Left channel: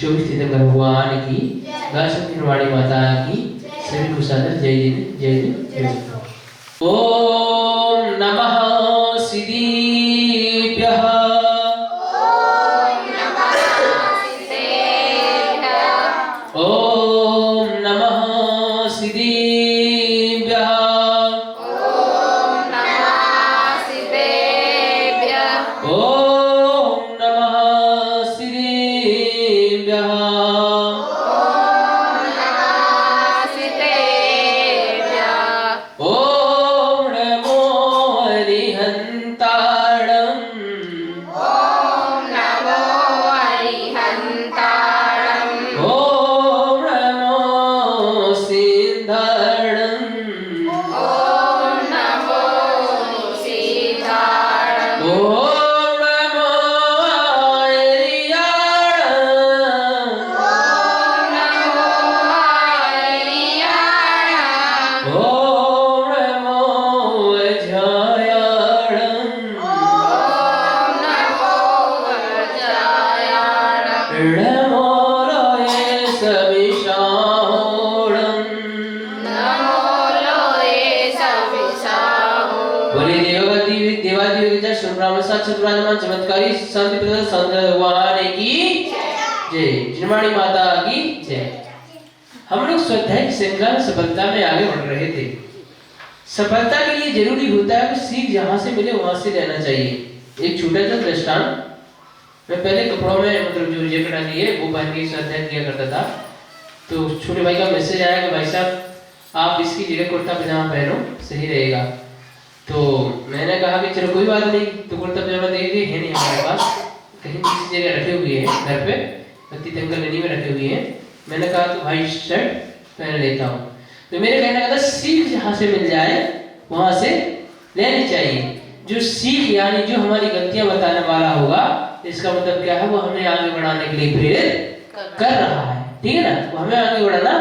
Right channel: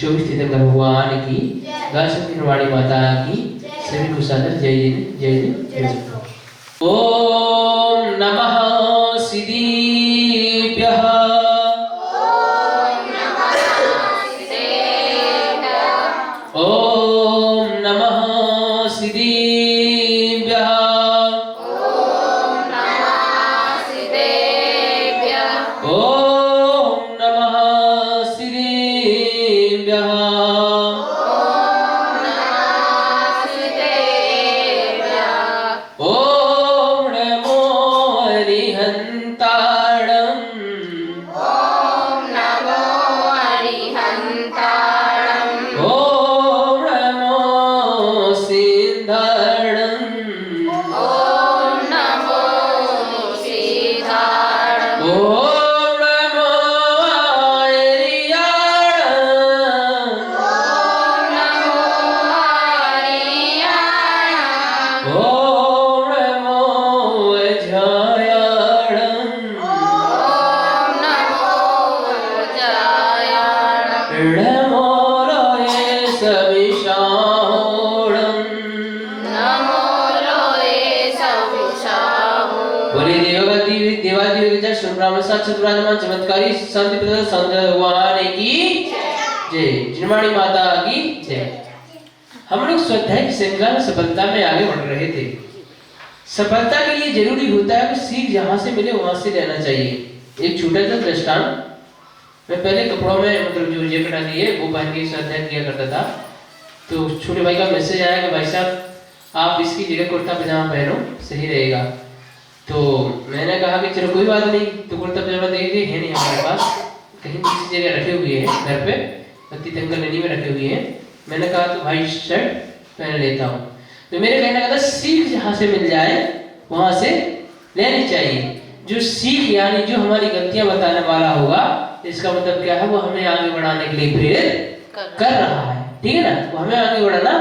24 तीर्थंकर भगवान की, गाय सत्यवाणी माता की, सभी को सादर जय जय जय जय। ओम नमः सिद्धेभ्यः। ओम नमः सिद्धेभ्यः। ओम नमः सिद्धेभ्यः। ओम नमो अरिहन्ताणम्। ओम नमो सिद्धाणम्। ओम नमो आर्याणम्। ओम नमो अजायाणम्। नमो लोये सविशाहोणम्। बोले देवादिदेव जय श्री राम साक्षात विराजमान चमत्कारी शांति प्रदाता सौंदर्य भगवान की जय। जिनवाणी माता की जय। हम लोग स्वाध्याय की श्रृंखला में सफलता में आगे बढ़ रहे थे। सफलता के लिए जरूरी होता है कि सीख जहां से मिले वहां से लेना चाहिए। एक छोटा सा दृष्टांत, मैं पहले कपड़ों में मतलब जो जैकेट आती है वो पहन के स्वाध्याय किया करता था। तो छोटे भाई का मैसेज आया कि भाई साहब आप इसकी जगह कुर्ता पजामा पहनो, सही रहेगा। तो मैंने कहा कि चलो कोई बात नहीं। तो कुर्ता पजामा देखिए है नहीं हमारे पास, कहीं किसी जगह रखे हुए हैं घर पे, तीर्थंकर नदी में रखे हुए हैं। मैंने कहा तो भाई शर्ट पहन लेता हूँ। तो मेरे कहने का था सीख जहाँ से मिल जाए वहां से लेनी चाहिए। जो सीख यानी जो हमारी गलतियां बताने वाला होगा, इसका मतलब क्या है, वो हमें आगे बढ़ाने के लिए प्रेरित कर रहा है। ठीक है ना, वो हमें आगे बढ़ाना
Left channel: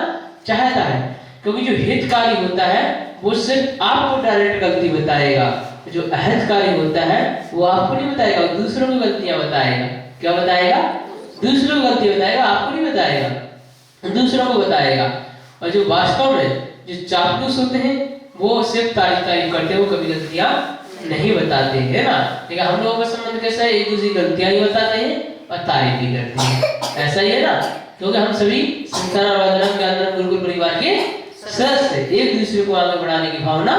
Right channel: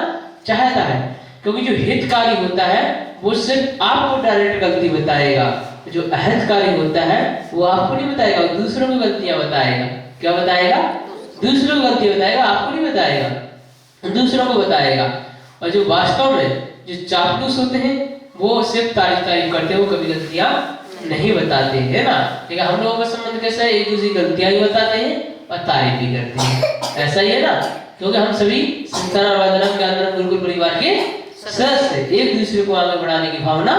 चाहता है। क्योंकि जो हितकारी होता है वो सिर्फ आपको डायरेक्ट गलती बताएगा। जो अहितकारी होता है वो आपको नहीं बताएगा, दूसरों को गलतियां बताएगा। क्या बताएगा? दूसरों को गलती बताएगा, आपको नहीं बताएगा, दूसरों को बताएगा। और जो वास्तव में जो चापलूस होते हैं वो सिर्फ तारीफ करते हैं, वो कभी गलतियां नहीं बताते हैं ना। ठीक है, हम लोगों का संबंध कैसा है, एक दूसरे की गलतियां ही बताते हैं और तारीफ भी करते हैं। ऐसा ही है ना, क्योंकि हम सभी संस्थान आराधना के अंदर गुरुकुल परिवार के सदस्य एक दूसरे को आगे बढ़ाने की भावना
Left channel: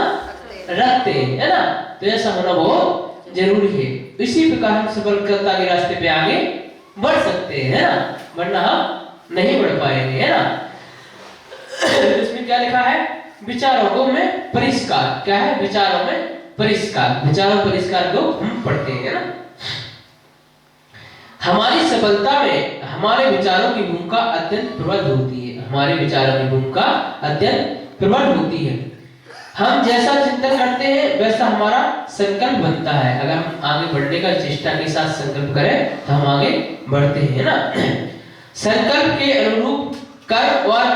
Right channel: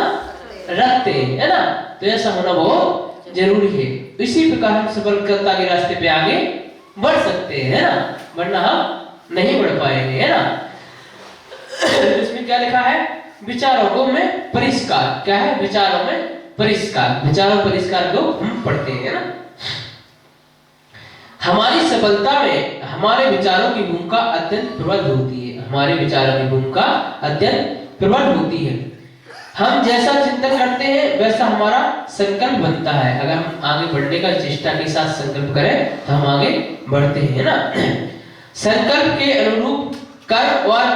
रखते हैं, है ना। तो ऐसा होना बहुत जरूरी है। इसी प्रकार हम सफलता के रास्ते पे आगे बढ़ सकते हैं, है ना, वरना हम नहीं बढ़ पाएंगे, है ना। इसमें क्या लिखा है, विचारों में परिष्कार। क्या है? विचारों में परिष्कार। विचारों परिष्कार को हम पढ़ते हैं ना। हमारी सफलता में हमारे विचारों की भूमिका अत्यंत प्रबल होती है। हमारे विचारों की भूमिका अत्यंत प्रबल होती है। हम जैसा चिंतन करते हैं वैसा हमारा संकल्प बनता है। अगर हम आगे बढ़ने का चेष्टा के साथ संकल्प करें तो हम आगे बढ़ते हैं ना। संकल्प के अनुरूप कर्म और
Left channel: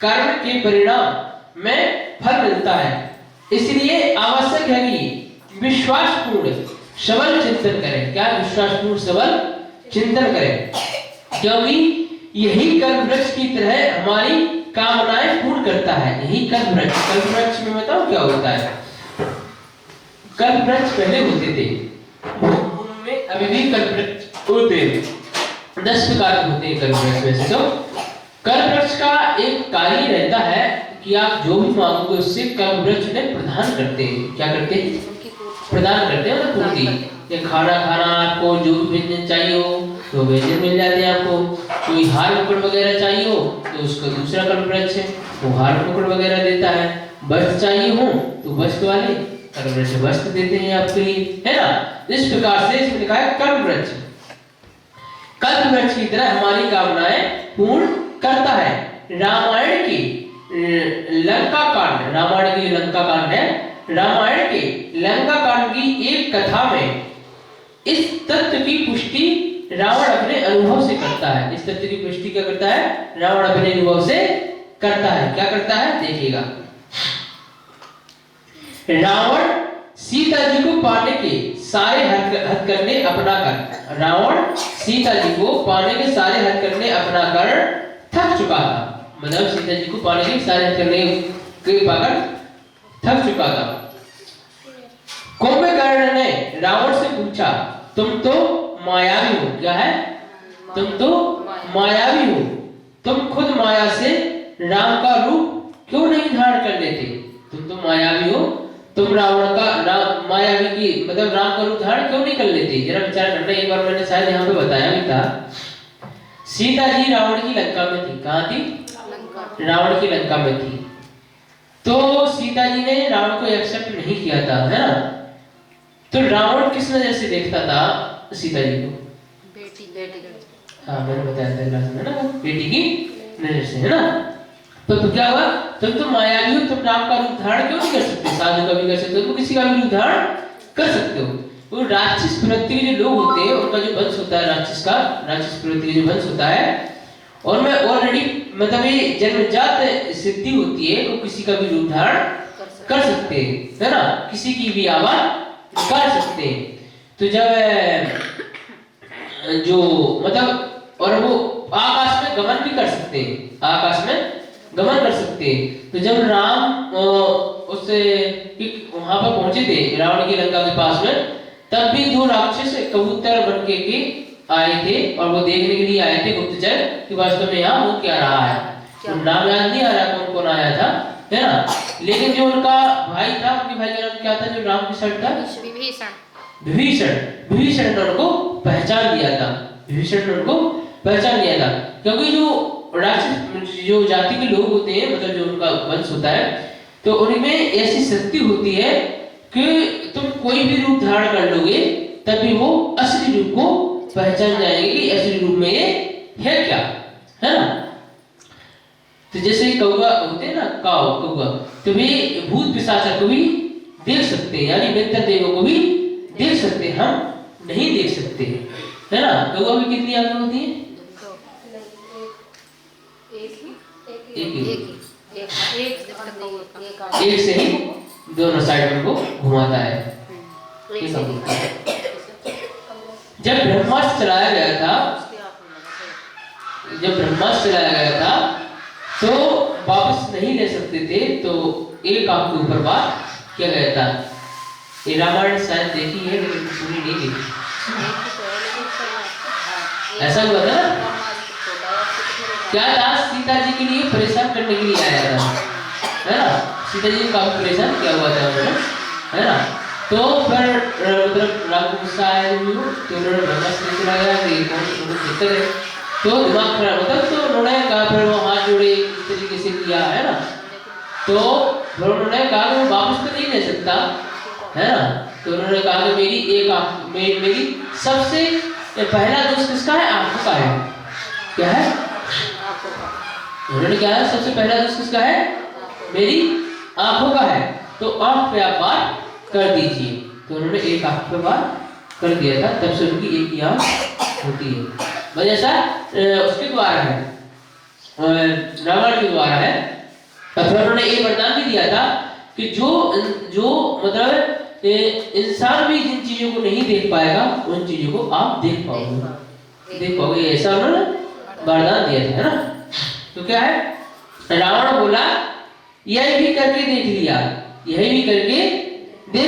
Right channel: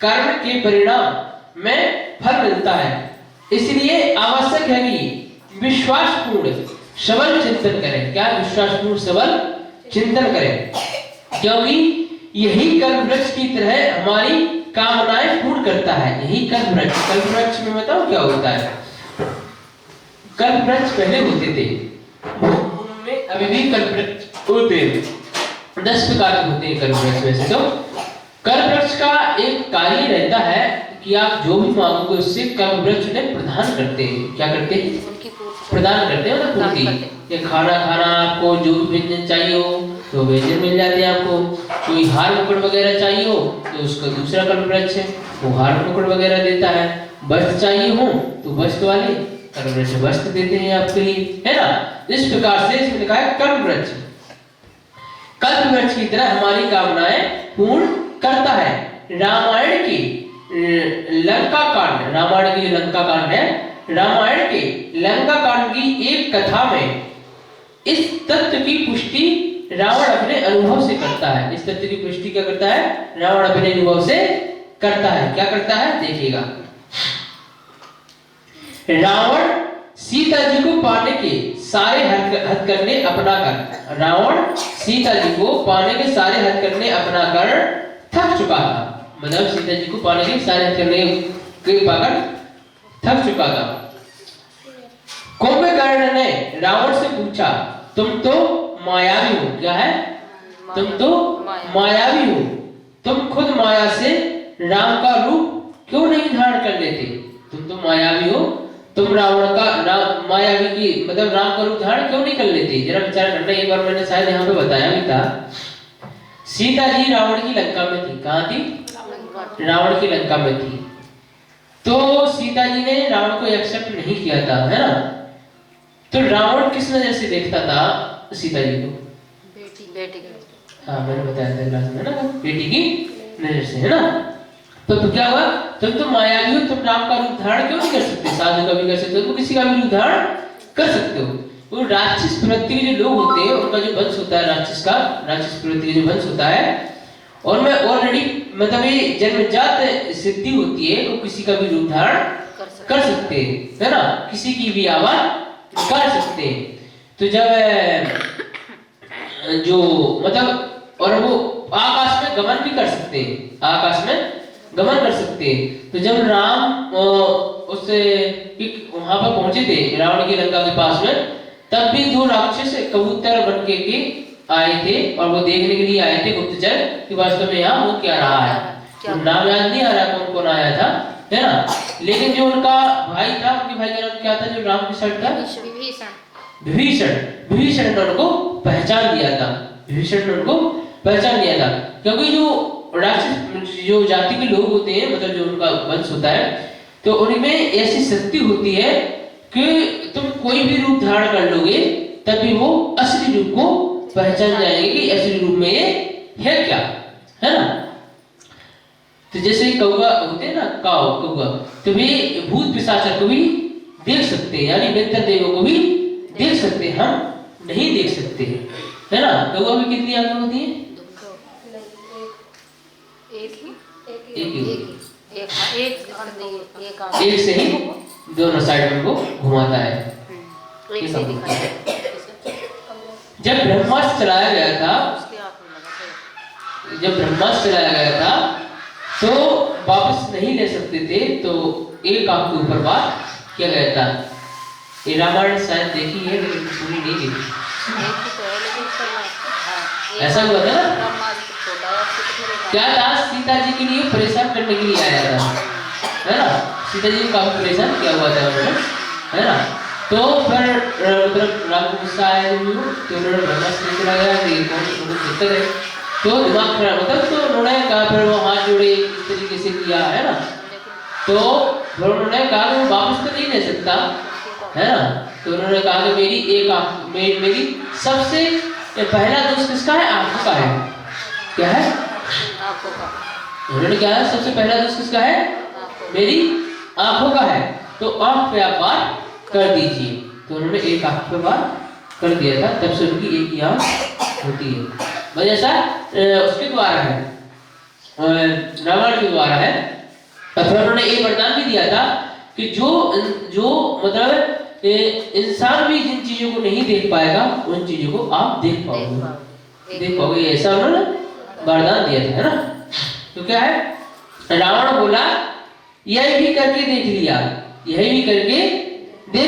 कर्म के परिणाम में फल मिलता है। इसलिए आवश्यक है कि विश्वासपूर्ण सबल चिंतन करें। क्या? विश्वासपूर्ण सबल चिंतन करें, क्योंकि यही कर्म वृक्ष की तरह हमारी कामनाएं पूर्ण करता है। यही कर्म वृक्ष। कर्म वृक्ष में बताओ क्या होता है। कर्म वृक्ष पहले होते थे, उनमें अभी भी कर्म वृक्ष होते हैं। 10 प्रकार के होते हैं कर्म वृक्ष में से। तो कर्म वृक्ष का एक कार्य रहता है कि आप जो भी मांगोगे उससे कर्म वृक्ष उन्हें प्रदान करते हैं। क्या करते हैं? प्रदान करते हैं, मतलब पूर्ति। ये खाना आपको जो भी व्यंजन चाहिए हो तो व्यंजन मिल जाते हैं आपको। कोई हार मुकुट वगैरह चाहिए हो तो उसका दूसरा कर्म वृक्ष है, वो हार मुकुट वगैरह देता है। वस्त्र चाहिए हो तो वस्त्र वाले कर्म वृक्ष वस्त्र देते हैं आपके लिए, है ना। इस प्रकार से इसमें लिखा है कर्म वृक्ष कल्प वृक्ष की तरह हमारी कामनाएं पूर्ण करता है। रामायण की लंका कांड, रामायण की लंका कांड है, रामायण के लंका कांड की एक कथा में इस तथ्य की पुष्टि रावण अपने अनुभव से करता है। इस तथ्य की पुष्टि क्या करता है? रावण अपने अनुभव से करता है। क्या करता है? देखिएगा। रावण सीता जी को पाने के सारे हथकंडे अपनाकर, रावण सीता जी को पाने के सारे हथकंडे अपनाकर थक चुका था। मतलब सीता जी को पाने के सारे हथकंडे पाकर थक चुका था। कुंभकर्ण ने रावण से पूछा, तुम तो मायावी हो। क्या है? तुम तो मायावी हो, तुम खुद माया से राम का रूप क्यों नहीं धारण कर लेते? तुम तो मायावी हो, तुम रावण का मायावी की मतलब राम का रूप धारण क्यों नहीं कर लेते? जरा विचार करना। एक बार मैंने शायद यहाँ पे बताया भी था। सीता जी रावण की लंका में थी। कहाँ थी? रावण की लंका में थी। तो सीता जी ने रावण को एक्सेप्ट नहीं किया था, है ना? तो रावण किस नजर से देखता था सीता जी को? बेटी। हाँ, मैंने बताया था क्लास में ना, बेटी की नजर से, है ना? तो क्या हुआ? तुम तो मायावी हो, तुम राम का रूप धारण क्यों नहीं कर सकते? साधु का भी कर सकते हो, तो किसी का भी रूप धारण कर सकते हो। वो राक्षस प्रवृत्ति के जो लोग होते हैं, उनका जो वंश होता है राक्षस प्रवृत्ति का जो वंश होता है, और मैं ऑलरेडी मतलब ये जन्मजात सिद्धि होती है, वो किसी का भी रूप धारण कर सकते हैं, है ना? किसी की भी आवाज कर सकते हैं। तो जब जो मतलब और वो आकाश में गमन भी कर सकते हैं, आकाश में गमन कर सकते हैं। तो जब राम उससे वहां पर पहुंचे थे रावण की लंका के पास में, तब भी दो राक्षस कबूतर बन के आए थे और वो देखने के लिए आए थे गुप्तचर कि वास्तव में यहाँ वो क्या रहा है। तो नाम याद नहीं आ रहा कौन कौन आया था, है ना? लेकिन जो उनका भाई था, उनके भाई का नाम क्या था जो राम के साथ था? विभीषण ने उनको पहचान लिया था। विभीषण ने उनको पहचान लिया था, क्योंकि जो राक्षस जो जाति के लोग होते हैं, मतलब जो उनका वंश होता है, तो उनमें ऐसी शक्ति होती है कि तुम कोई भी रूप धारण कर लोगे तभी वो असली रूप को पहचान जाएंगे कि असली रूप में ये है क्या, है ना? तो जैसे कौवा होते हैं ना, कौवा, तो वे भूत पिशाच को भी देख सकते हैं, यानी बेहतर देवों को भी देख सकते हैं, हम नहीं देख सकते, है ना? कौवा की कितनी आंखें होती हैं? एक से ही दोनों साइड में को घुमाता है। जब ब्रह्मास्त्र चलाया गया था, तो वापस नहीं ले सकते थे, तो एक आंख के ऊपर बात किया गया था। ये रामायण शायद देखी है लेकिन पूरी नहीं देखी। ऐसा हुआ था ना? क्या था? सीता जी के लिए परेशान करने के लिए आया था, है ना? सीता जी को काफी परेशान किया हुआ था उन्होंने, है ना? तो फिर मतलब राम को गुस्सा आया तो उन्होंने ब्रह्मास्त्र चला गया कि कौन दिक्कत है, तो दिमाग खराब होता, तो उन्होंने कहा, फिर वो हाथ जोड़े इस तरीके से किया, है ना? तो फिर उन्होंने कहा कि वापस तो नहीं ले सकता, है ना? तो उन्होंने कहा कि मेरी एक आंख मेरी सबसे पहला दोस्त किसका है? आंखों का है। क्या है? उन्होंने क्या है? सबसे पहला दोस्त किसका है? मेरी आंखों का है, तो आंख पे आप वार कर दीजिए। तो उन्होंने एक आंख पे वार कर दिया था, तब से उनकी एक ही आंख होती है। वजह सा उसके द्वारा है, रावण के द्वारा है। तो फिर उन्होंने एक वरदान भी दिया था कि जो मतलब इंसान भी जिन चीजों को नहीं देख पाएगा, उन चीजों को आप देख पाओगे, ऐसा उन्होंने वरदान दिया था, है ना? तो क्या है? रावण बोला, यह भी करके देख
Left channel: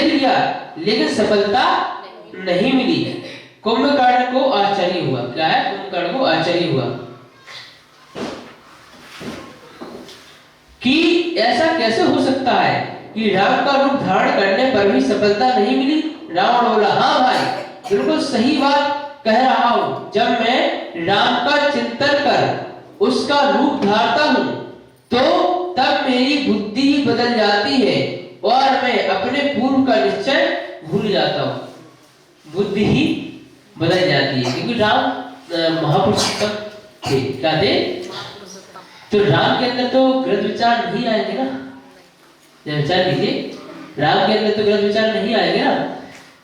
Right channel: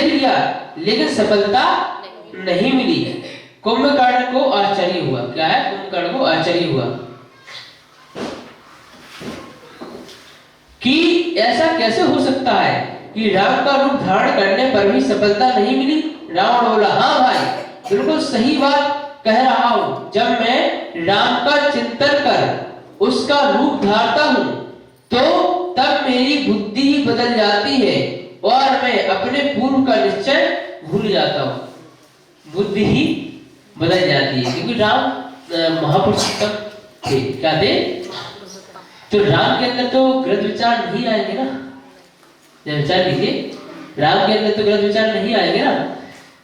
लिया, लेकिन सफलता नहीं मिली। कुंभकर्ण को आश्चर्य हुआ। क्या है? कुंभकर्ण को आश्चर्य हुआ कि ऐसा कैसे हो सकता है कि राम का रूप धारण करने पर भी सफलता नहीं मिली। रावण बोला, हाँ भाई, बिल्कुल सही बात कह रहा हूं। जब मैं राम का चिंतन कर उसका रूप धारता हूं, तो तब मेरी बुद्धि ही बदल जाती है और मैं अपने पूर्व का निश्चय भूल जाता हूं। बुद्धि ही बदल जाती है, क्योंकि राम महापुरुषोत्तम थे। क्या थे? तो राम के अंदर तो गलत विचार नहीं आएंगे ना। विचार लीजिए, राम के अंदर तो गलत विचार नहीं आएंगे ना।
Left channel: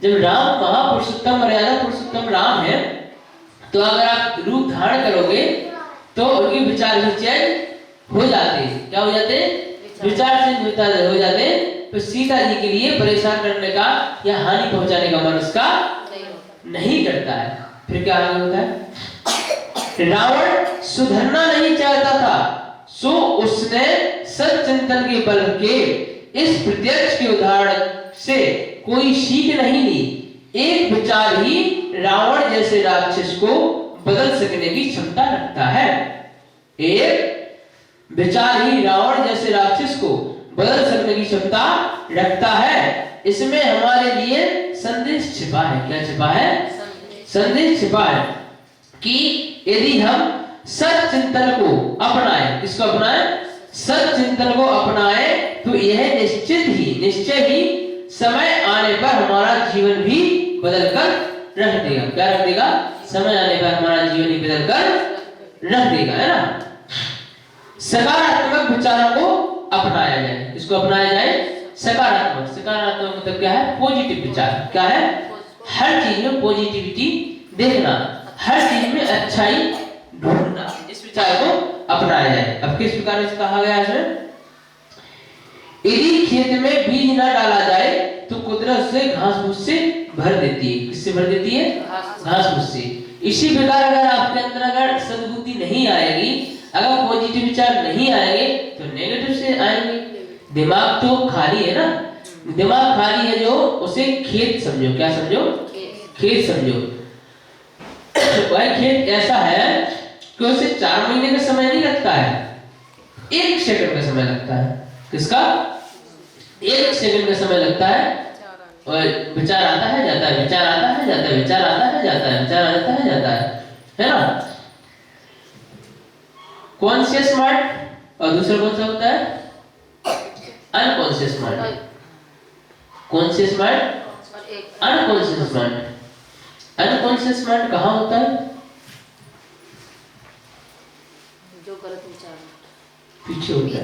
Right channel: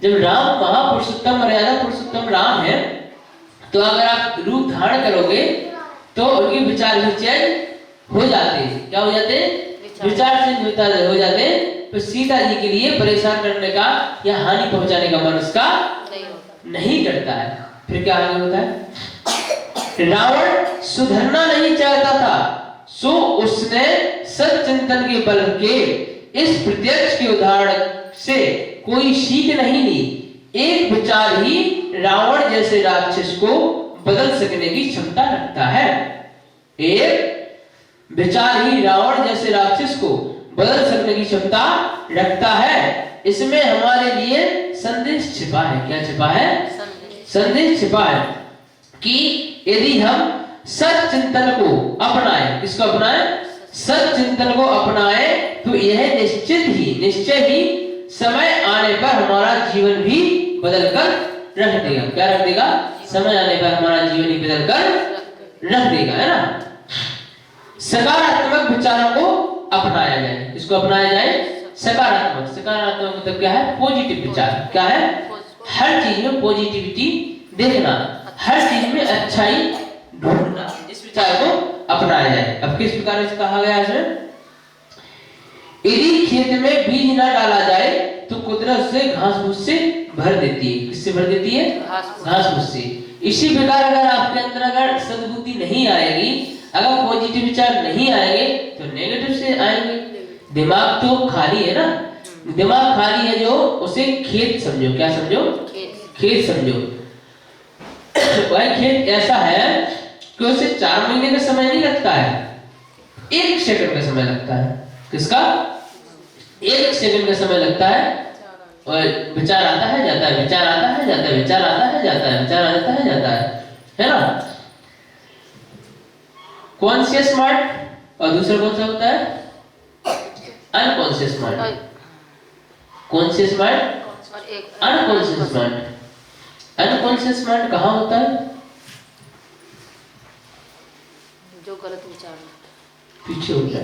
जब राम महापुरुषोत्तम मर्यादा पुरुषोत्तम राम है, तो अगर आप रूप धारण करोगे तो उनके विचार भी चेंज हो जाते हैं। क्या हो जाते हैं? विचार चेंज हो जाते हैं, तो सीता जी के लिए परेशान करने का या हानि पहुंचाने का मन उसका नहीं करता है। फिर क्या आगे होता है, रावण सुधरना नहीं चाहता था, सो उसने सच्चिंतन के बल के इस प्रत्यक्ष के उदाहरण से कोई सीख नहीं ली। एक विचार ही रावण जैसे राक्षस को बदल सकने की क्षमता रखता है। एक विचार ही रावण जैसे राक्षस को बदल सकने की क्षमता रखता है। इसमें हमारे लिए संदेश छिपा है। क्या छिपा है? संदेश छिपा है कि यदि हम सच्चिंतन को अपनाएं, किसको अपनाएं? सच्चिंतन को अपनाएं तो यह निश्चय ही समय आने पर हमारा जीवन भी बदल कर रख देगा। क्या रख देगा? समय आने पर हमारा जीवन ही बदल कर रख देगा, है ना। सकारात्मक विचारों को अपनाया जाए। इसको अपनाया जाए सकारात्मक। सकारात्मक मतलब क्या है? पॉजिटिव विचार। क्या है? हर चीज में पॉजिटिविटी देखना, हर चीज में अच्छाई ढूंढना, इस विचार को अपनाया जाए। अब किस प्रकार से कहा गया है? यदि खेत में बीज न डाला जाए तो कुदरत से घास फूस से भर देती है। किससे भर देती है? घास फूस से। इसी प्रकार अगर आपके अंदर अगर सद्बुद्धि नहीं आएगी, अगर पॉजिटिव विचार नहीं आएंगे तो नेगेटिव से आएंगे। दिमाग तो खाली है ना, दिमाग खाली है जो, उसे खेत समझो। क्या समझो? खेत समझो। वह खेत ऐसा है कि उसे 4 महीने का समय नहीं लगता है, 1 सेकंड का समय लगता है। किसका? 1 सेकंड का समय लगता है। और विचार आता है जाता है, विचार आता है जाता है, विचार आता है जाता है, विचार आता है जाता है ना। कॉन्शियस माइंड और दूसरा कौन सा होता है? Unconscious mind. Conscious mind, unconscious mind. Unconscious mind कहाँ होता है? जो गलत विचार पीछे होता है।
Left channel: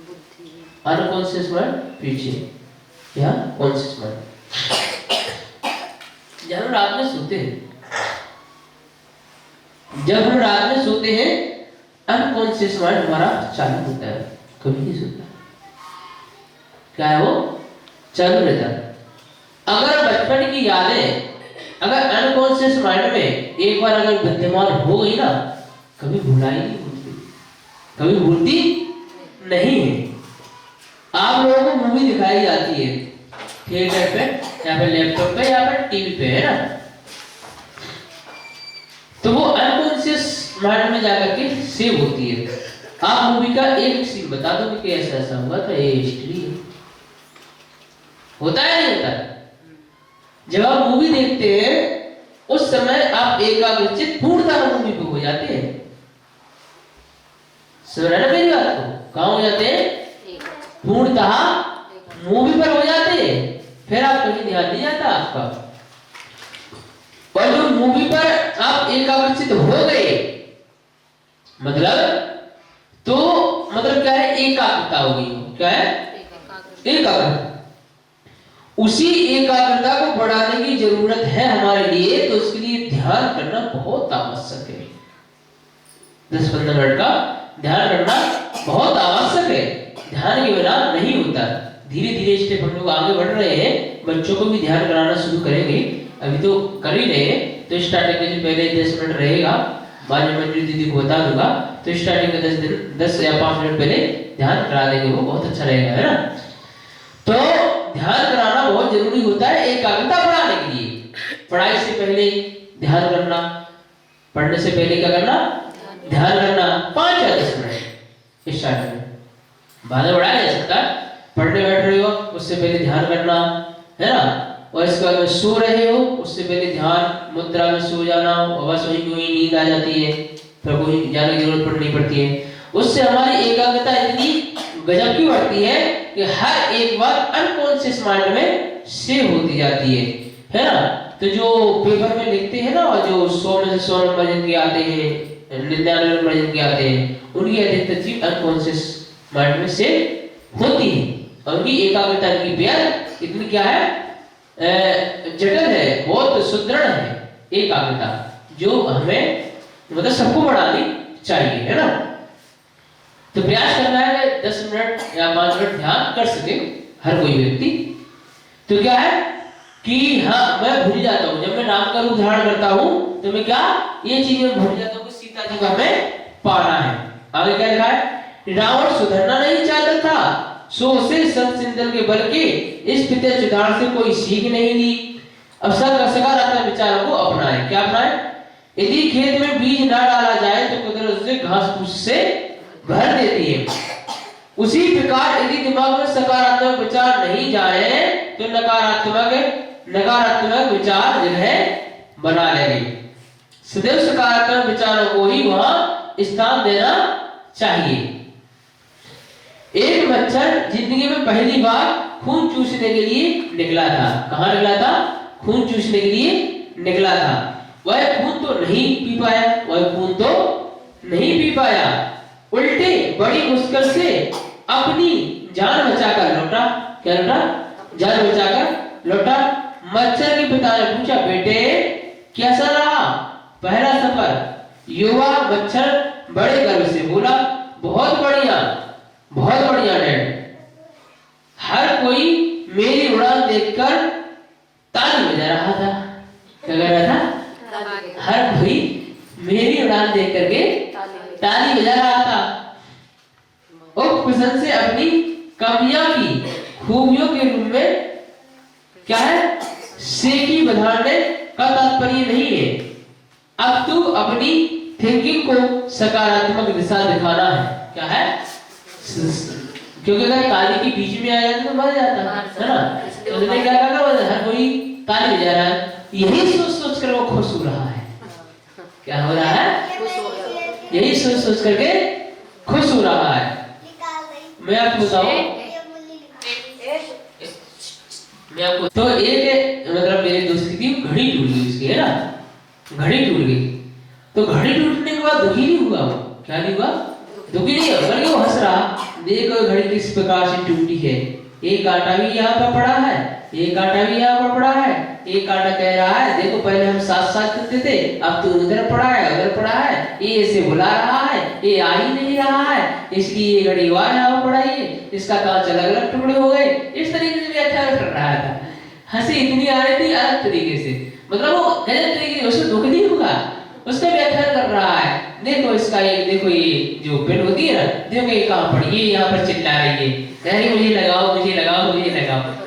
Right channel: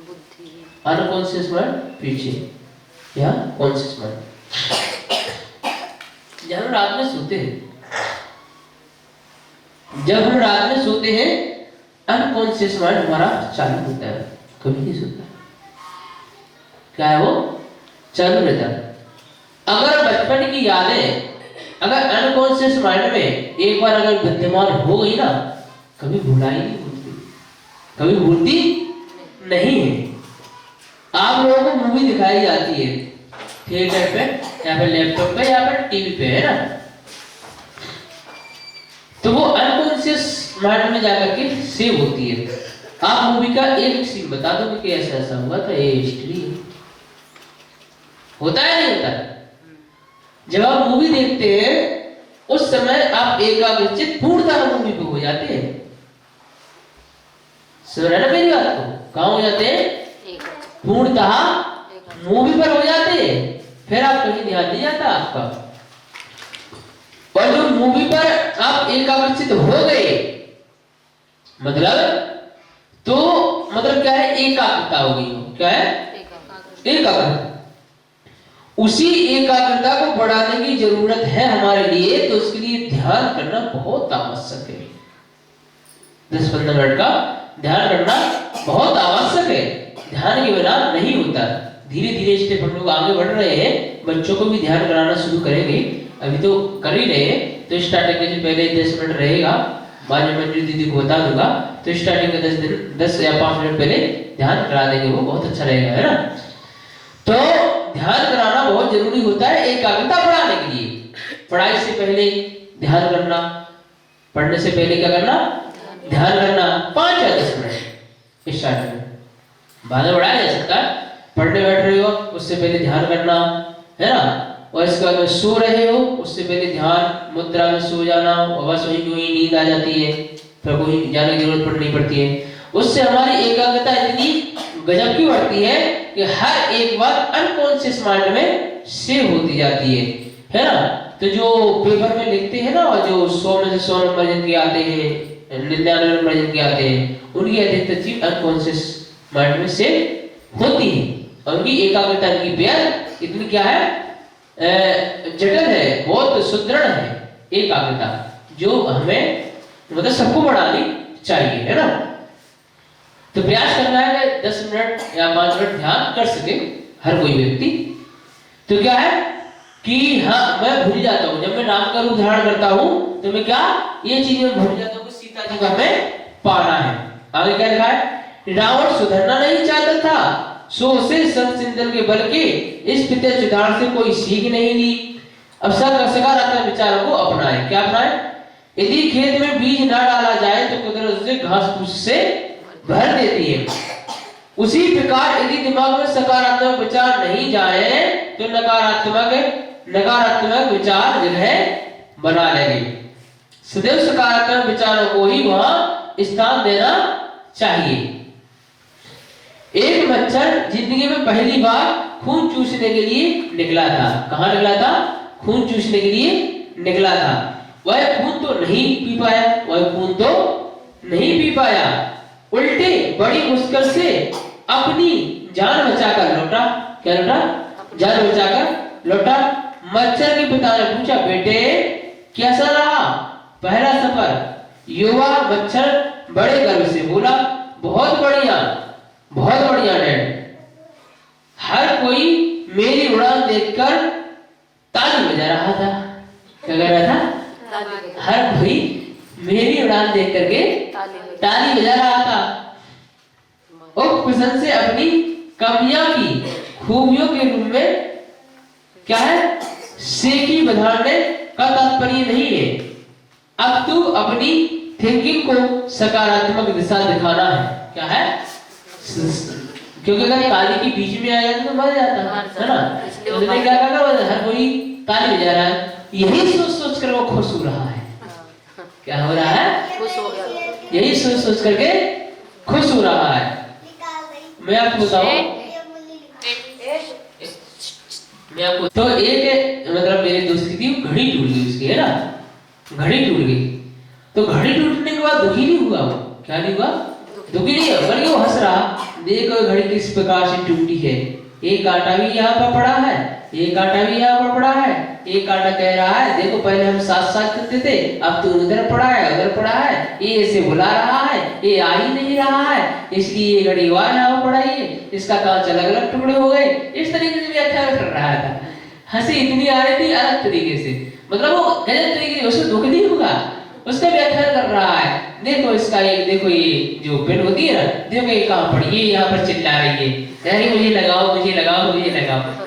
बुद्धि। अनकॉन्शियस माइंड पीछे, या कॉन्शियस माइंड। जब हम रात में सोते हैं, अनकॉन्शियस माइंड हमारा चालू होता है, कभी नहीं सोता। क्या है वो? चालू रहता है। अगर बचपन की यादें अगर अनकॉन्शियस माइंड में एक बार अगर विद्यमान हो गई ना, कभी भुलाई नहीं भूलती, कभी भूलती नहीं है। आप लोगों को मूवी दिखाई जाती है थिएटर पे या फिर लैपटॉप पे या फिर टीवी पे, है ना, तो वो अनकॉन्शियस माइंड में जाकर के सेव होती है। आप मूवी का एक सीन बता दो कि ऐसा ऐसा हुआ था, ये हिस्ट्री है। होता है नहीं होता? जब आप मूवी देखते हैं उस समय आप एकाग्रचित पूर्णतः मूवी पे हो जाते हैं। समझ रहे ना मेरी बात को? कहाँ हो जाते हैं? पूर्णतः मूवी पर हो जाते हैं, फिर आप कहीं ध्यान नहीं जाता आपका। और जो मूवी पर आप एकाग्रचित हो गए मतलब क्या है? एकाग्रता हो गई हो। क्या है? एकाग्रता। उसी एकाग्रता को बढ़ाने की जरूरत है हमारे लिए, तो उसके लिए ध्यान करना बहुत आवश्यक है। 10-15 मिनट का ध्यान करना बहुत आवश्यक है। ध्यान के बिना नहीं होता। धीरे धीरे स्टेप हम लोग आगे बढ़ रहे हैं, बच्चों को भी ध्यान कराना शुरू करेंगे। अभी तो कर ही रहे हैं, तो स्टार्टिंग के जो पहले 10 मिनट रहेगा, बाद में मंजू दीदी को बता दूंगा, तो स्टार्टिंग के 10 या 5 मिनट पहले ध्यान करा देंगे, वो बहुत अच्छा रहेगा, है ना। तो ध्यान कराना बहुत जरूरी होता है एकाग्रता बढ़ाने के लिए। पढ़ाई से पहले ध्यान करना, पढ़ने से पहले क्या करना? ध्यान करना 5 या 10 मिनट स्टार्ट में, बाद में बढ़ाया जा सकता है। पढ़ने बैठ रहे हो उससे पहले ध्यान करना, है ना। और इसके बाद में सो रहे हो उससे पहले ध्यान मुद्रा में सो जाना, और बस वहीं नींद आ जाती है, फिर कोई जाने की जरूरत नहीं पड़ती है। उससे हमारी एकाग्रता इतनी गजब की बढ़ती है कि हर एक बात अनकॉन्शियस माइंड में सेव होती जाती है ना। तो जो पेपर में लिखते हैं ना, और जो 100 में से 100 नंबर जिनके आते हैं, 99 नंबर जिनके आते हैं, उनकी अधिकतर चीज अनकॉन्शियस माइंड में सेव होती है। और उनकी एकाग्रता, इनकी बेहद इतनी क्या है, जटिल है, बहुत सुदृढ़ है एकाग्रता, जो हमें मतलब सबको बढ़ानी चाहिए, है ना। तो प्रयास करना है कि 10 मिनट या 5 मिनट ध्यान कर सके हर कोई व्यक्ति। तो क्या है कि हाँ मैं भूल जाता हूँ, जब मैं राम का रूप धारण करता हूँ तो मैं क्या ये चीज में भूल जाता हूँ कि सीता जी को हमें पाना है। आगे क्या लिखा है, रावण सुधरना नहीं चाहता था, सो उसे संत सिंदल के बल के इस पिता चुदार से कोई सीख नहीं ली। अब सकारात्मक विचारों को अपनाए। क्या अपनाए, यदि खेत में बीज ना डाला जाए तो कुदरत उसे घास फूस से भर देती है। उसी प्रकार यदि दिमाग में सकारात्मक विचार नहीं जाए तो नकारात्मक विचार जगह बना लेंगे। सदैव सकारात्मक विचारों को ही वहां स्थान देना चाहिए। एक मच्छर जिंदगी में पहली बार खून चूसने के लिए निकला था। कहां निकला था, खून चूसने के लिए निकला था। वह खून तो नहीं पी पाया, उल्टे बड़ी मुश्किल से अपनी जान बचाकर लौटा। क्या लौटा, जान बचाकर लौटा। मच्छर के पिता ने पूछा, बेटे कैसा रहा पहला सफर? युवा मच्छर बड़े गर्व से बोला, बहुत बढ़िया डैड। हर कोई मेरी उड़ान देखकर ताली बजा रहा था। क्या कर रहा था, हर कोई मेरी उड़ान देख करके ताली बजा रहा था। उपप्रश्न से अपनी कमियां की खूबियों के रूप में क्या है, सेकी बधाने का तात्पर्य नहीं है। अब तू अपनी थिंकिंग को सकारात्मक दिशा दिखाना है। क्या है, क्योंकि अगर ताली के बीच में आ जाए तो मर जाता है ना। तो उसने क्या कहा, हर कोई ताली बजा रहा है, यही सोच कर वो खुश हो रहा है। क्या हो रहा है, यही सोच करके खुश हो रहा है। मैं आपको बताऊं, तो एक मतलब मेरे दोस्त की घड़ी टूट गई उसकी, है ना, घड़ी टूट गई। तो घड़ी टूटने के बाद दुखी नहीं हुआ वो। क्या नहीं हुआ, दुखी नहीं हुआ, बल्कि वो हंस रहा, देखो घड़ी किस प्रकार से टूटी है, एक कांटा भी यहाँ पर पड़ा है, एक कांटा भी यहाँ पर पड़ा है। एक कांटा कह रहा है, देखो पहले हम साथ चलते थे, अब तो उधर पड़ा है, उधर पड़ा है, ये ऐसे बुला रहा है, ये आ ही नहीं रहा है, इसलिए ये घड़ी वहां यहाँ पड़ा है, इसका कांच अलग अलग टुकड़े हो गए। इस तरीके से व्याख्या कर रहा था। हंसी इतनी आ रही थी अलग तरीके से, मतलब वो गलत तरीके से, उसको दुख नहीं होगा, उसका व्याख्या कर रहा है। देखो इसका ये, देखो ये जो पेन होती है ना, देखो ये कहाँ पड़ी, ये यहाँ पर चिल्ला रही है, अरे मुझे लगाओ,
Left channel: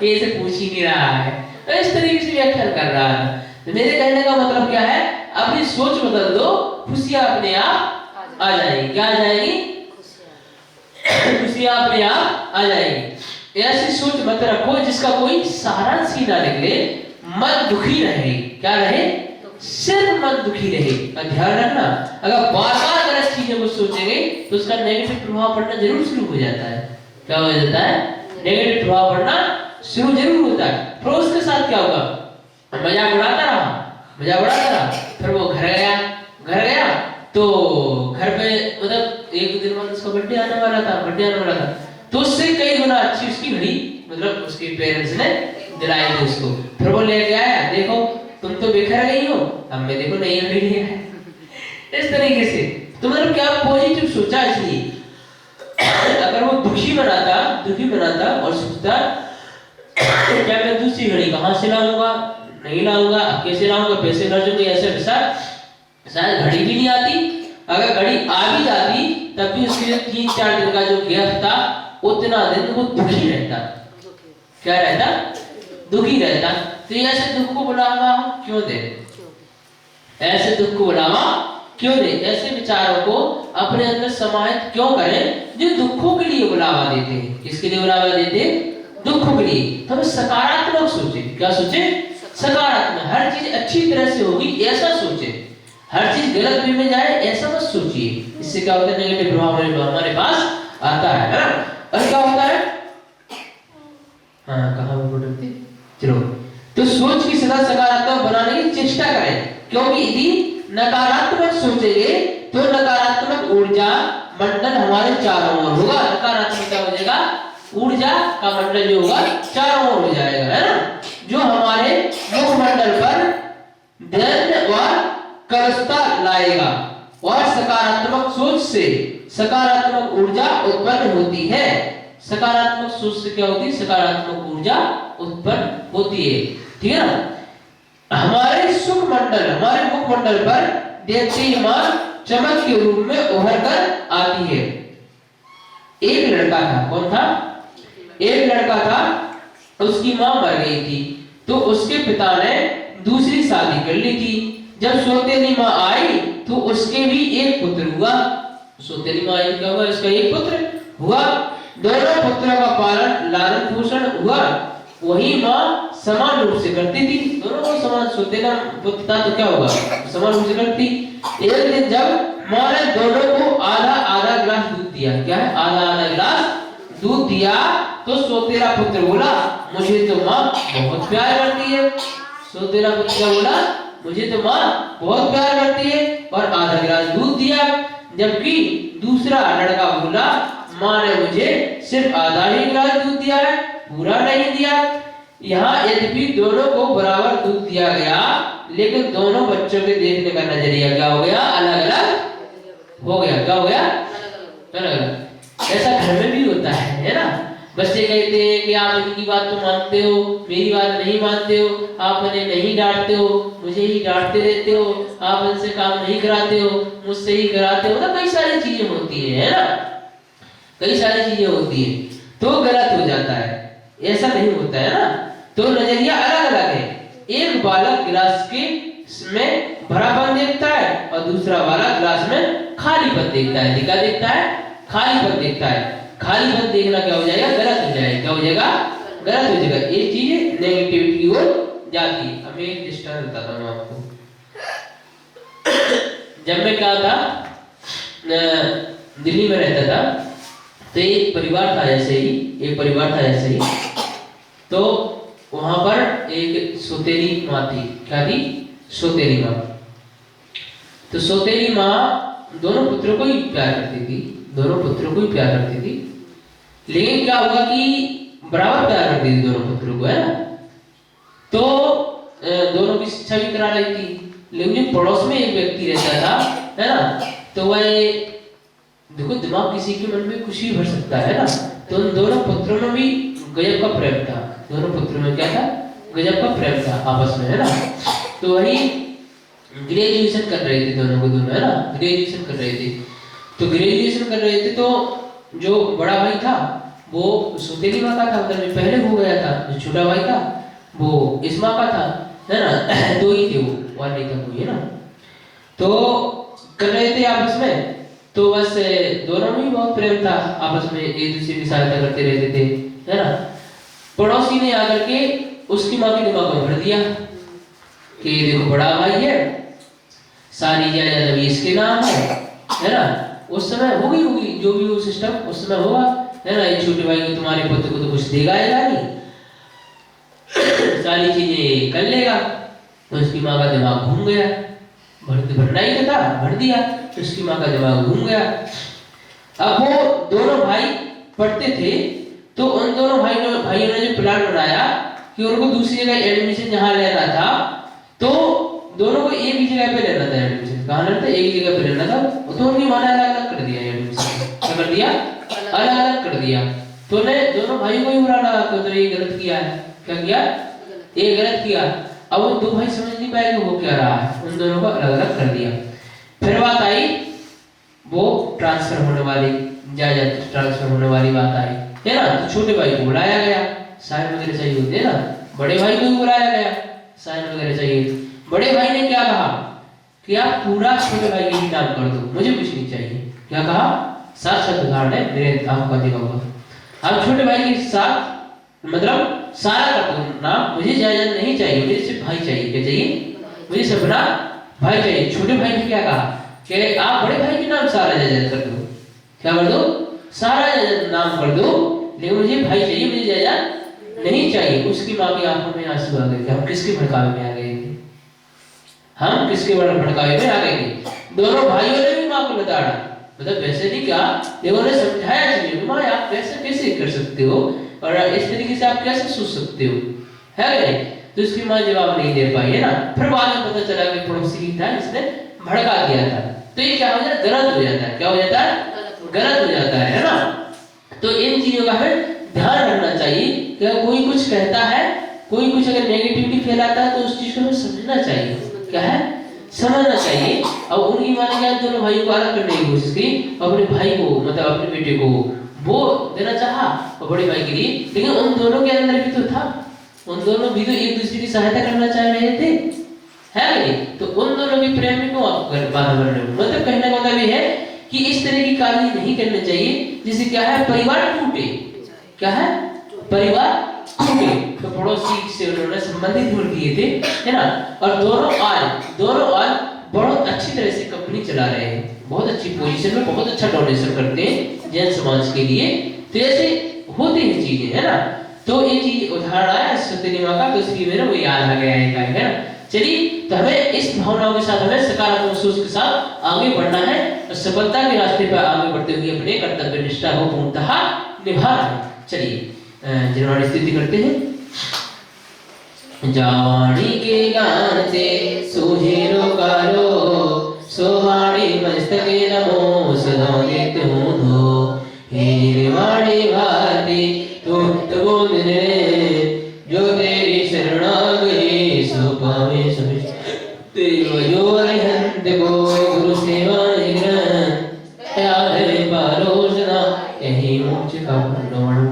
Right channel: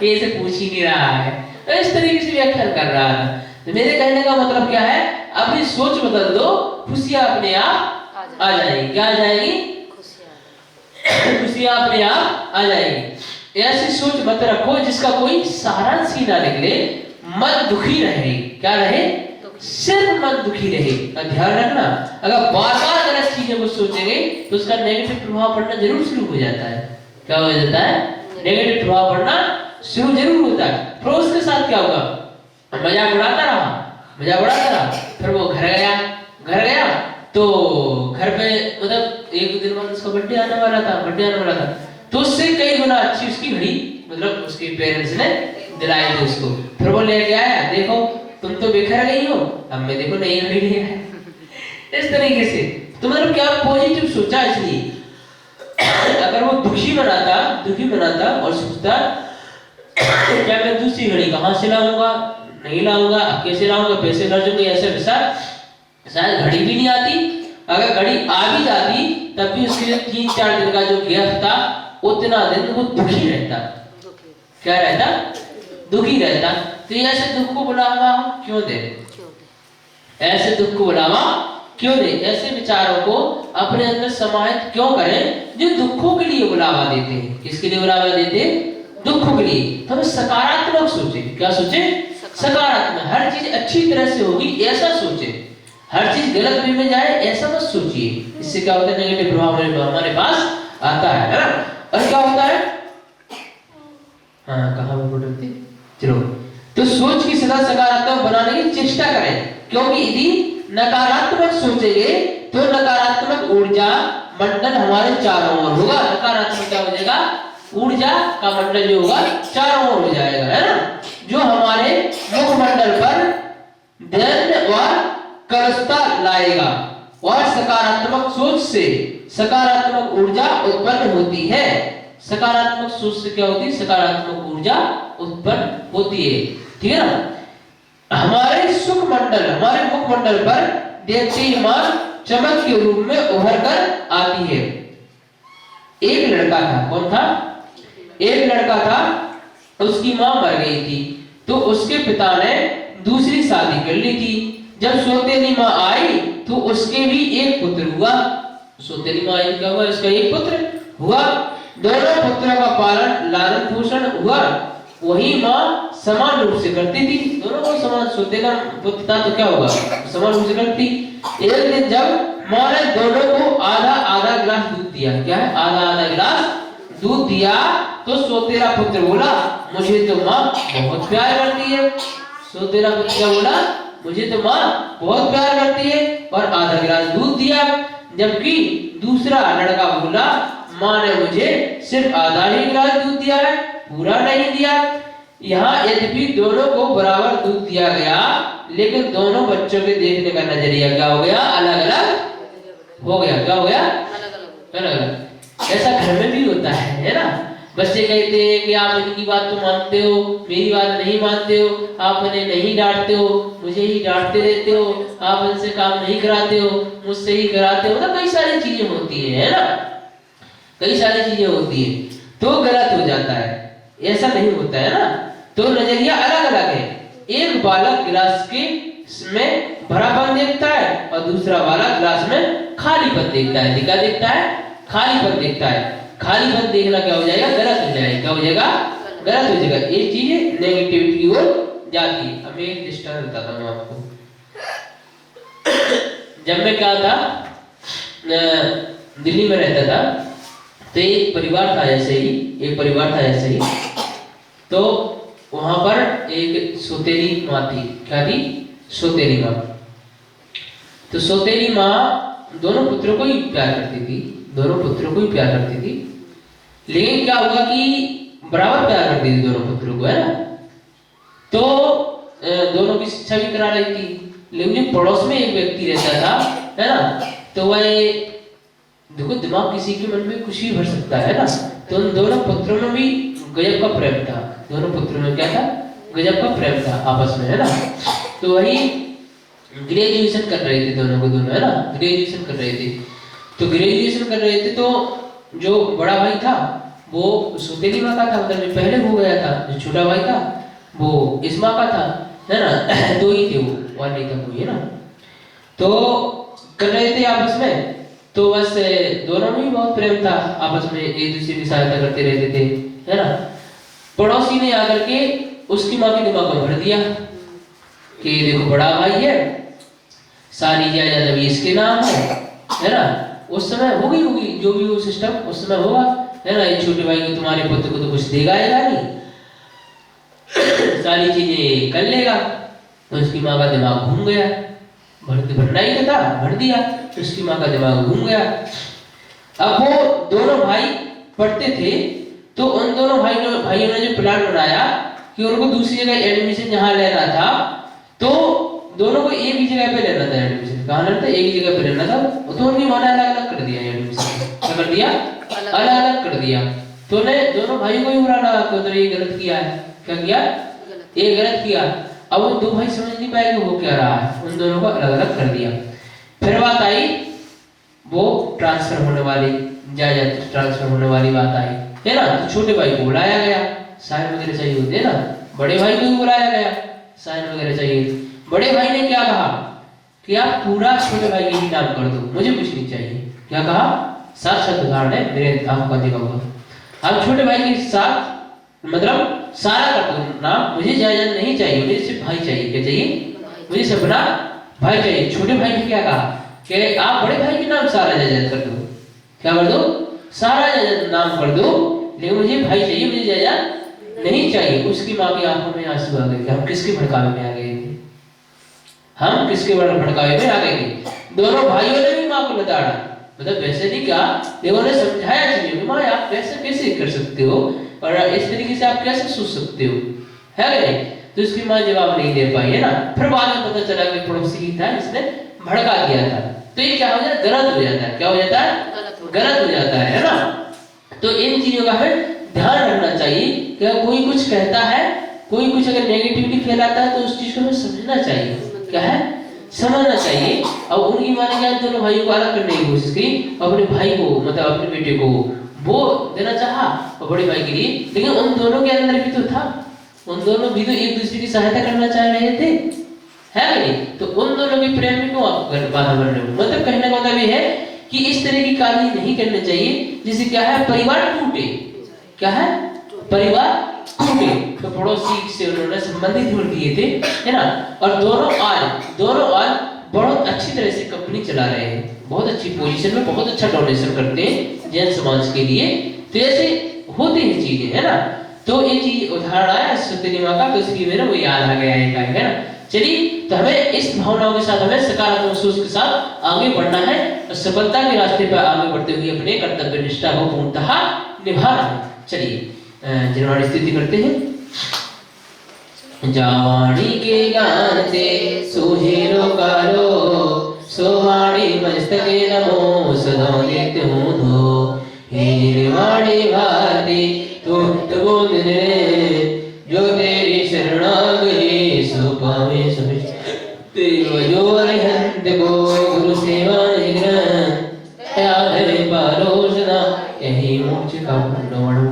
ये ऐसे पूछ ही नहीं रहा है। तो इस तरीके से व्याख्या कर रहा है। तो मेरे कहने का मतलब क्या है, अपनी सोच बदल दो, खुशियां अपने आप आ जाएगी। क्या आ जाएगी, खुशियां अपने आप आ जाएगी। ऐसी सोच मत रखो जिसका कोई सारांश ही ना निकले, मन दुखी रहे। क्या रहे, सिर्फ मन दुखी रहे। ध्यान रखना, अगर बार-बार गलत चीजों को सोचेंगे तो उसका नेगेटिव प्रभाव पड़ना जरूर शुरू हो जाता है। क्या हो जाता है, नेगेटिव प्रभाव पड़ना शुरू जरूर होता है। फिर उसके साथ क्या होगा, मजाक उड़ाता रहा, फिर वो घर गया तो घर पे मतलब एक दिन बाद उसका बर्थडे आने वाला था, तो उससे कई गुना अच्छी उसकी घड़ी मतलब उसके पेरेंट्स ने दिलाई थी उसको। फिर वो लेके आया, देखो तुम तो बिखर गई हो, अब मैं देखो नई घड़ी ले आया। इस तरीके से तो मतलब क्या पॉजिटिव सोचा। इसलिए अगर वो दुखी बनाता और सोचता क्या मैं दूसरी घड़ी कहां से लाऊंगा, नहीं लाऊंगा, अब कैसे लाऊंगा, पैसे खर्च होंगे, ऐसे वैसा, शायद घड़ी भी नहीं आती। अगर घड़ी आ भी जाती तब भी उसके 3-4 दिन का जो गैप था, उतना दिन वो दुखी रहता। क्या रहता, दुखी रहता। तो ऐसे दुख को बुलावा क्यों दे, ऐसे दुख को बुलावा क्यों दे, ऐसे विचारों को अपने अंदर समाहित क्यों करें जो दुखों के लिए बुलावा देते हैं। किसके लिए बुलावा देते हैं, दुखों के लिए। तो हमें सकारात्मक सोचे। क्या सोचे, सकारात्मक। हर चीज अच्छी तरह से होगी ऐसा सोचे, हर चीज गलत वे में जाए ऐसा मत सोचिए। इससे क्या होता है, नेगेटिव प्रभाव हमारे पास आता है ना। और क्या होता है, हाँ कहाँ बोलते, चलो तो सोच की सदा सकारात्मक बनाने की चेष्टा करें, क्योंकि यदि नकारात्मक सोचेंगे तो नकारात्मक ऊर्जा मंडल हमारे चारों ओर होगा। नकारात्मक क्या हो जाएगा, ऊर्जा का मंडल जो होगा चारों ओर हो जाएगा, है ना, जो हमारे मुखमंडल पर दैन्य और कलुषता लाएगा। और सकारात्मक सोच से सकारात्मक ऊर्जा उत्पन्न होती है। सकारात्मक सोच से क्या होती है, सकारात्मक ऊर्जा उत्पन्न होती है। ठीक है ना। हमारे सुख मंडल, हमारे मुखमंडल पर देखते ही मां चमक के रूप में उभर कर आती है। एक लड़का था, कौन था, एक लड़का था, उसकी मां मर गई थी, तो उसके पिता ने दूसरी शादी कर ली थी। जब सौतेली मां आई तो उसके भी एक पुत्र हुआ। सौतेली मां आई, क्या हुआ, उसका एक पुत्र हुआ। दोनों पुत्रों का पालन लालन पोषण हुआ। वही मां समान रूप से करती थी, दोनों को समान, सौतेला पुत्र था तो क्या होगा, समान रूप से करती। एक दिन जब मां ने दोनों को आधा आधा गिलास दूध दिया, क्या है, आधा आधा गिलास दूध दिया, तो सौतेला पुत्र बोला मुझे तो मां बहुत प्यार करती है। सौतेला पुत्र क्या बोला, मुझे तो मां बहुत प्यार करती है, और आधा गिलास दूध दिया। जबकि दूसरा लड़का बोला मां ने मुझे सिर्फ आधा ही गिलास दूध दिया है, पूरा नहीं दिया। यहाँ यद्यपि दोनों को बराबर दूध दिया गया, लेकिन दोनों बच्चों के देखने का नजरिया क्या हो गया, अलग अलग हो गया। क्या हो गया, अलग अलग। ऐसा घर में भी होता है ना। बच्चे कहते हैं कि आप इनकी बात तो मानते हो, मेरी बात नहीं मानते हो, आप उन्हें नहीं डांटते हो, मुझे ही डांटते रहते हो, आप इनसे काम नहीं कराते हो, मुझसे ही कराते हो ना। कई सारी चीजें होती है ना, कई सारी चीजें होती है, तो गलत हो जाता है। ऐसा नहीं होता है ना। तो नजरिया अलग अलग है। एक बालक गिलास के में भरापन देखता है और दूसरा बालक गिलास में खालीपन देखता है। क्या देखता है, खालीपन देखता है। खालीपन देखना क्या हो जाएगा, गलत हो जाएगा। क्या हो जाएगा, गलत हो जाएगा। ये चीज नेगेटिविटी की ओर जाती है। अब एक दृष्टांत बताता हूं आपको। जब मैं क्या था, दिल्ली में रहता था, तो एक परिवार था ऐसे ही, एक परिवार था ऐसे ही। तो वहां पर एक सौतेली माँ थी। क्या थी, सौतेली माँ। तो सौतेली माँ दोनों पुत्रों को ही प्यार करती थी, दोनों पुत्रों को ही प्यार करती थी। लेकिन क्या हुआ कि बराबर प्यार करती थी दोनों पुत्रों को, है ना। तो दोनों की शिक्षा भी करा रही थी। लेकिन जो पड़ोस में एक व्यक्ति रहता था, है ना, तो वह, देखो दिमाग किसी के मन में कुछ भी भर सकता है ना। तो उन दोनों पुत्रों में भी गजब का प्रेम था। दोनों पुत्रों में क्या था, गजब का प्रेम था आपस में, है ना। तो वही ग्रेजुएशन कर रहे थे दोनों को दोनों, है ना, ग्रेजुएशन कर रहे थे। तो ग्रेजुएशन कर रहे थे, तो जो बड़ा भाई था वो सौतेली माँ का था, मतलब जो पहले हो गया था। जो छोटा भाई था वो इस माँ का था, है ना। दो ही थे वो, और नहीं था कोई, है ना। तो कर रहे थे आपस में। तो बस दोनों में ही बहुत प्रेम था, आपस में एक दूसरे की सहायता करते रहते थे, है ना। पड़ोसी ने आकर के उसकी माँ के दिमाग में भर दिया कि देखो बड़ा भाई है, सारी जायदाद अभी इसके नाम है ना। उस समय होगी जो भी वो सिस्टम उस समय होगा, है ना। ये छोटे भाई को, तुम्हारे पुत्र को तो कुछ देगा नहीं, सारी चीजें कर लेगा। तो उसकी माँ का दिमाग घूम गया, भरना ही था, भर दिया। उसकी माँ का दिमाग घूम गया। अब वो दोनों भाई पढ़ते थे, तो उन दोनों भाइयों ने जो प्लान बनाया कि उनको दूसरी जगह एडमिशन जहाँ लेना था, तो दोनों को एक ही जगह पे लेना था एडमिशन। कहाँ लेना था, एक ही जगह पे लेना था। तो उनकी माँ ने अलग अलग कर दिया एडमिशन। क्या कर दिया, अलग अलग कर दिया। तो ने दोनों भाइयों को ही बुरा लगा कि तो ये गलत किया है। क्या किया, ये गलत किया। अब वो दो भाई समझ नहीं पाए कि वो क्या रहा है, उन दोनों को अलग अलग कर दिया। फिर बात आई वो ट्रांसफर होने वाली, जायदाद ट्रांसफर होने वाली बात आई, है ना। तो छोटे भाई को बुलाया गया, साइन वगैरह चाहिए होते हैं ना। बड़े भाई को भी बुलाया गया, साइन वगैरह चाहिए। बड़े भाई ने क्या कहा कि आप पूरा छोटे भाई के ही नाम कर दो, मुझे कुछ नहीं चाहिए। क्या कहा, साक्षात उदाहरण है, मेरे आंखों का देखा हुआ। आप छोटे भाई के साथ मतलब सारा कर दो नाम, मुझे जायदाद नहीं चाहिए, मुझे सिर्फ भाई चाहिए। क्या चाहिए, मुझे सिर्फ अपना भाई चाहिए। छोटे भाई ने क्या कहा कि आप बड़े भाई के नाम सारा जायदाद कर दो। क्या कर दो, सारा जायदाद नाम कर दो, लेकिन मुझे भाई चाहिए, मुझे जायदाद नहीं चाहिए। उसकी माँ की आंखों में आंसू आ गए। हम किसके भड़कावे में आ गए थे, हम किसके भड़कावे में आ गए थे। दोनों भाइयों ने भी माँ को लताड़ा, मतलब वैसे नहीं क्या, देखो ने समझाया चाहिए, माँ आप कैसे कर सकते हो, और इस तरीके से आप कैसे सोच सकते हो, है नहीं। तो उसकी माँ जवाब नहीं दे पाई, है ना। फिर बाद में पता चला कि पड़ोसी ही था, इसने भड़का दिया था। तो ये क्या हो जाता है, गलत हो जाता है। क्या हो जाता है, गलत हो जाता है ना। तो इन चीजों का हमें ध्यान रखना चाहिए कि अगर कोई कुछ कहता है, कोई कुछ अगर नेगेटिविटी फैलाता है तो उस चीज को हमें समझना चाहिए। क्या है? समझना चाहिए। अब उनकी माँ ने क्या दोनों भाइयों को अलग करने की कोशिश की, अपने भाई को मतलब अपने बेटे को वो देना चाहा और बड़े भाई के लिए, लेकिन उन दोनों के अंदर भी तो था, उन दोनों भी तो एक दूसरे की सहायता करना चाह रहे थे, है कि नहीं? तो उन दोनों के प्रेम में क्यों आप बाधा बन रहे हो? मतलब कहने का मतलब ये है कि इस तरह की कार्य नहीं करने चाहिए जिससे क्या है परिवार टूटे। क्या है? परिवार टूटे। तो पड़ोसी से उन्होंने संबंधित जोड़ दिए थे, है ना? और दोनों आज बहुत अच्छी तरह से कंपनी चला रहे हैं, बहुत अच्छी पोजीशन में, बहुत अच्छा डोनेशन करते हैं जैन समाज के लिए। तो ऐसे होती है चीजें, है ना? तो ये चीज उदाहरण आया सत्यनी माँ का, तो इसलिए मेरे वो याद आ गया है ना? चलिए, तो हमें इस भावनाओं के साथ, हमें सकारात्मक सोच के साथ आगे बढ़ना है और सफलता के रास्ते पर आगे बढ़ते हुए अपने कर्तव्य निष्ठा को पूर्णतः निभाना है। चलिए जिनवाणी स्तुति करते हैं। जावाणी के गान से सुहेरो कारो, सोहाणी मस्तके नमो सदा नित्य हो दो। हे निर्वाणी भारती तुम तो ने जो तेरी शरणागति सो पावे सभी तेरो जो अरहंत को गुरु सेवा निग्रह याद है पारोसना यही मोक्ष का प्रमाण।